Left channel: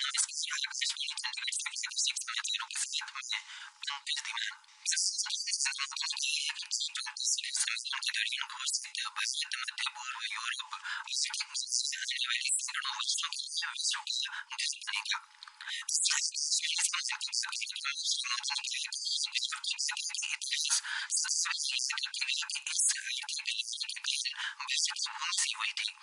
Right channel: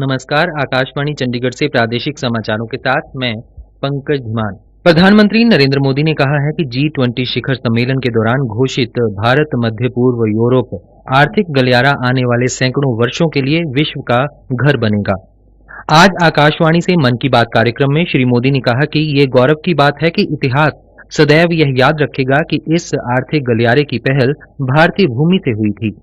नमस्कार, आकाशवाणी चंडीगढ़ से प्रादेशिक समाचारों के साथ मैं पंकज धीमान। प्रधानमंत्री नरेंद्र मोदी ने कहा है कि G20 शिखर सम्मेलन के दौरान घोषित भारत, मध्य पूर्व, यूरोप आर्थिक गलियारा आने वाले सैकड़ों वर्षों के लिए विश्व का घर बनेगा। आज आकाशवाणी से मन की बात कार्यक्रम में श्री मोदी ने कहा कि ये गौरव की बात है कि इतिहास सदैव यह याद रखेगा कि इस आर्थिक गलियारे की पहल भारतीय भूमि से हुई थी।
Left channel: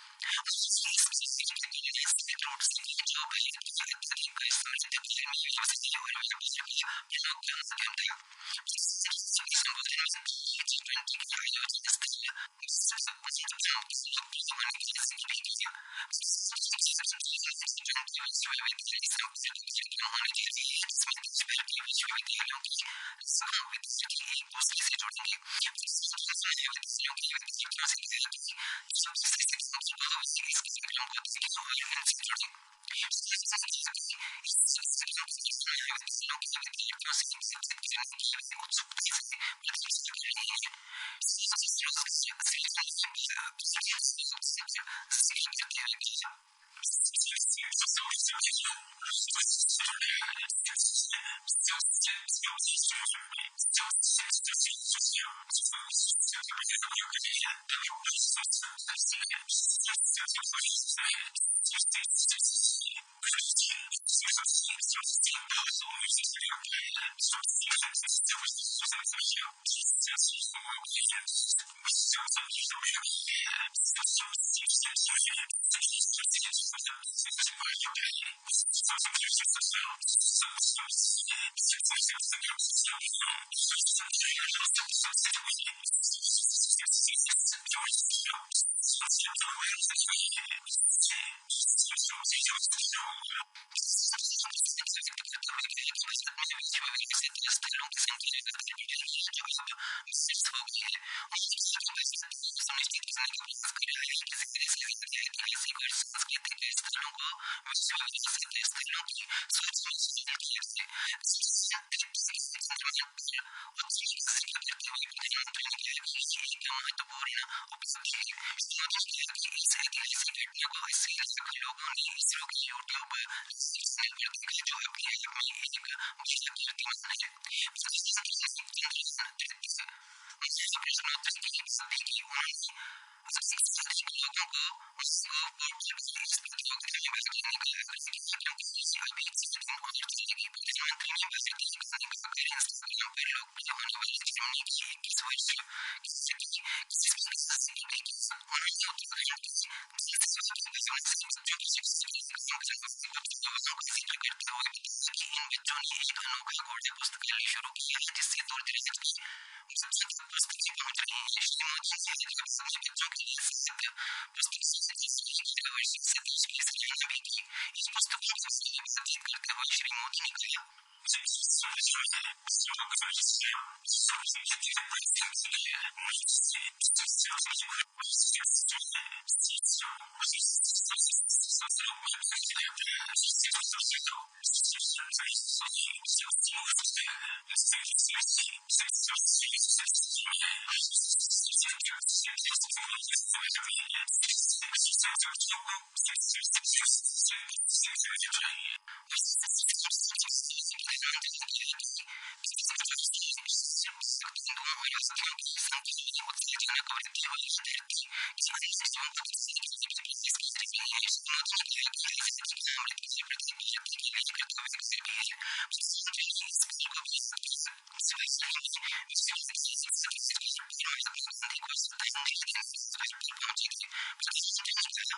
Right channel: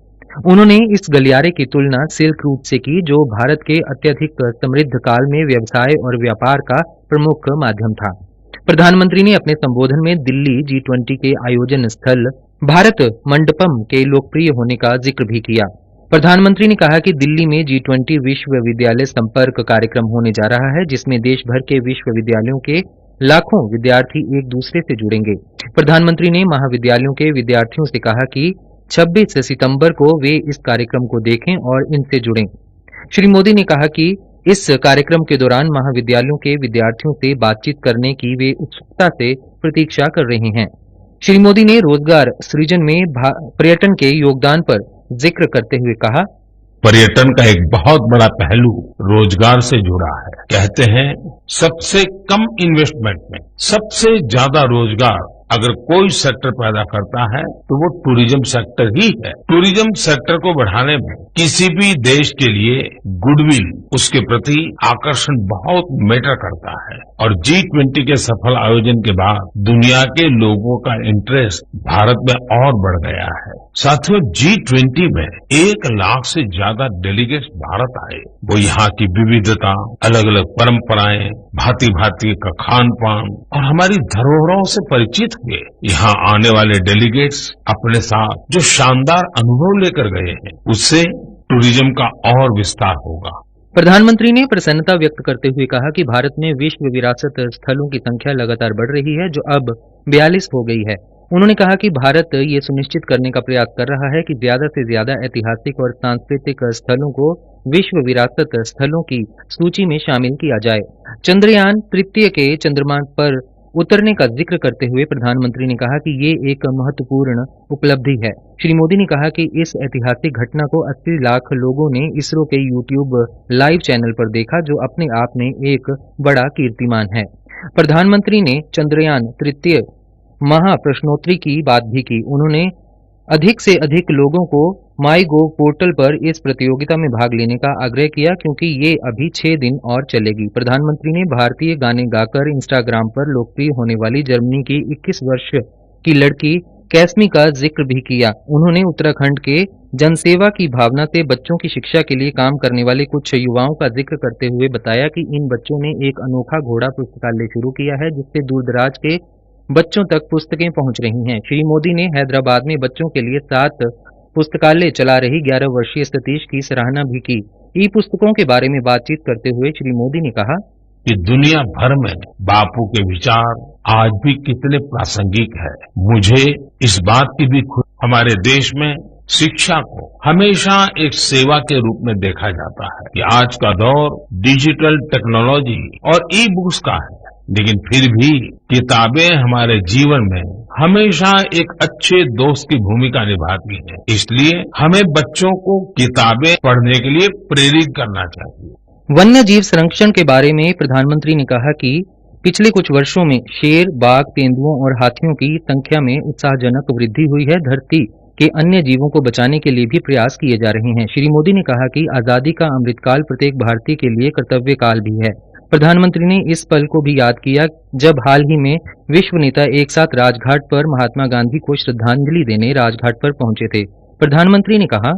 उन्होंने इस गलियारे की तुलना सिल्क रूट से की, जो भारत के अत्यधिक समृद्ध काल में व्यवसाय और व्यापार का प्रमुख माध्यम था। प्रधानमंत्री ने अपने संबोधन में दिल्ली G20 के आयोजन स्थल भारत मंडपम के लोकप्रिय होने का जिक्र भी किया। प्रधानमंत्री ने कहा कि दिल्ली में G20 विश्वविद्यालय संपर्क कार्यक्रम होने जा रहा है, जिसमें देश भर के विश्वविद्यालयों के लाखों विद्यार्थी एक दूसरे से जुड़ेंगे। प्रधानमंत्री ने महाविद्यालयों के विद्यार्थियों से कहा कि 26 सितंबर को वे इस कार्यक्रम को देखें और इनसे जुड़ें। श्री मोदी ने कहा कि इस कार्यक्रम के दौरान महाविद्यालयों के विद्यार्थियों से बातचीत करने की वे उत्सुकता से प्रतीक्षा कर रहे हैं। श्री मोदी ने रोजगार सृजन में पर्यटन के योगदान पर जिक्र करते हुए कहा, पर्यटन का एक बहुत बड़ा पहलू रोजगार से जुड़ा है। कहते हैं सबसे कम इन्वेस्टमेंट में सबसे ज्यादा रोजगार अगर कोई सेक्टर पैदा करता है तो वो टूरिज्म सेक्टर ही है। टूरिज्म सेक्टर को बढ़ाने में किसी भी देश के लिए गुडविल, उसके प्रति आकर्षण बहुत मैटर करता है। और G20 के सफल आयोजन के बाद दुनिया के लोगों का इंटरेस्ट भारत में और बढ़ गया है। साथियों, G20 में 1 लाख से ज्यादा डेलीगेट्स भारत आए। वो यहाँ की विविधता, अलग अलग परंपराएं, भांति भांति का खान पान और हमारी धरोहरों से परिचित हुए। यहाँ आने वाले डेलीगेट्स अपने साथ जो शानदार अनुभव लेकर गए हैं, उससे टूरिज्म का और विस्तार होगा। प्रधानमंत्री ने प्रसन्नता व्यक्त करते हुए कहा कि भारत में विश्व विरासत स्थलों की संख्या लगातार बढ़ रही है, जो अब 42 हो गई है। उन्होंने कहा कि भारत ये सुनिश्चित करने का प्रयास कर रहा है कि ज्यादा से ज्यादा ऐतिहासिक और सांस्कृतिक स्थलों को विश्व विरासत स्थलों की सूची में शामिल किया जाए। चंद्रयान तृतीय के चंद्रमा पर उतरने का जिक्र करते हुए प्रधानमंत्री ने कहा कि ये एक महत्वपूर्ण उपलब्धि है। श्री मोदी ने कहा कि इस ऐतिहासिक घटना को 80 लाख लोगों ने इसरो के YouTube लाइव चैनल पर देखा, जो अपने आप में एक बड़ा कीर्तिमान है। प्रधानमंत्री ने चंद्रयान तृतीय महाप्रश्नोत्तरी की बात भी की। उन्होंने अधिक से अधिक लोगों को MyGov पोर्टल पर इस प्रतियोगिता में भाग लेने का आग्रह किया, क्योंकि ये अभी 6 दिन और चलेगी। प्रधानमंत्री ने भारतीय गाने गाकर इंस्टाग्राम पर लोकप्रिय होने वाली जर्मनी की 21 वर्ष की लड़की कैस्मी का जिक्र भी किया। उन्होंने उत्तराखंड के जनसेवा की भावना से बच्चों की शिक्षा के लिए काम करने वाले कुछ युवाओं का जिक्र करते हुए बताया कि इन बच्चों ने एक अनोखा घोड़ा पुस्तकालय शुरू किया है, जिससे दूरदराज के बच्चों तक पुस्तकें पहुंच रही हैं। श्री मोदी ने हैदराबाद में बच्चों के लिए 7 पुस्तकालय चला रही 11 वर्षीय सतीश की सराहना भी की। ई पुस्तकों के बारे में बातचीत करते हुए श्री मोदी ने कहा कि दुनिया भर में बापू के विचार आज भी कितने प्रासंगिक है। मुझे इस बात की भी खुशी, हमारे देश में शिक्षा को हमेशा एक सेवा के रूप में देखा जाता है कि आज का दौर डिजिटल टेक्नोलॉजी और ई बुक्स का है, लेकिन फिर भी किताबें हमारे जीवन में हमेशा एक अच्छे दोस्त की भूमिका निभाती हैं। इसलिए हमें बच्चों को किताबें पढ़ने के लिए प्रेरित करना चाहिए। वन्य जीव संरक्षण के बारे में प्रधानमंत्री ने कहा कि पिछले कुछ वर्षों में शेर, बाघ, तेंदुओं और हाथियों की संख्या में उत्साहजनक वृद्धि हुई है। धरती के अन्य जीवों को बचाने के लिए भी प्रयास किए जा रहे हैं। श्री मोदी ने कहा कि आजादी का अमृतकाल प्रत्येक भारतीय के लिए कर्तव्य काल भी है। प्रधानमंत्री ने इस पल को भी याद किया जब हाल ही में विश्व नेता एक साथ राजघाट पर महात्मा गांधी को श्रद्धांजलि देने राजघाट पर पहुंचे थे। प्रधानमंत्री ने कहा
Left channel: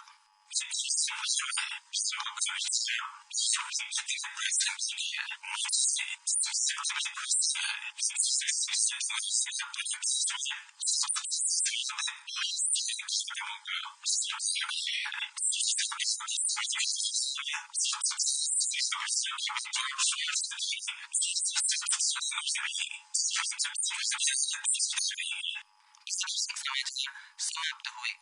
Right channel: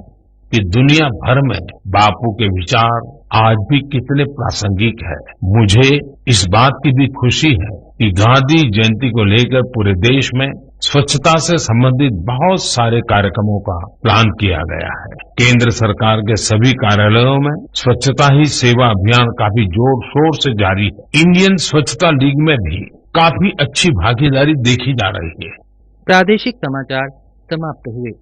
कि दुनिया भर में बापू के विचार आज भी कितने प्रासंगिक है। मुझे इस बात की भी खुशी है कि गांधी जयंती को लेकर पूरे देश में स्वच्छता से संबंधित बहुत सारे कार्यक्रमों का प्लान किया गया है। केंद्र सरकार के सभी कार्यालयों में स्वच्छता ही सेवा अभियान काफी जोर शोर से जारी है। इंडियन स्वच्छता लीग में भी काफी अच्छी भागीदारी देखी जा रही है। प्रादेशिक समाचार समाप्त हुए।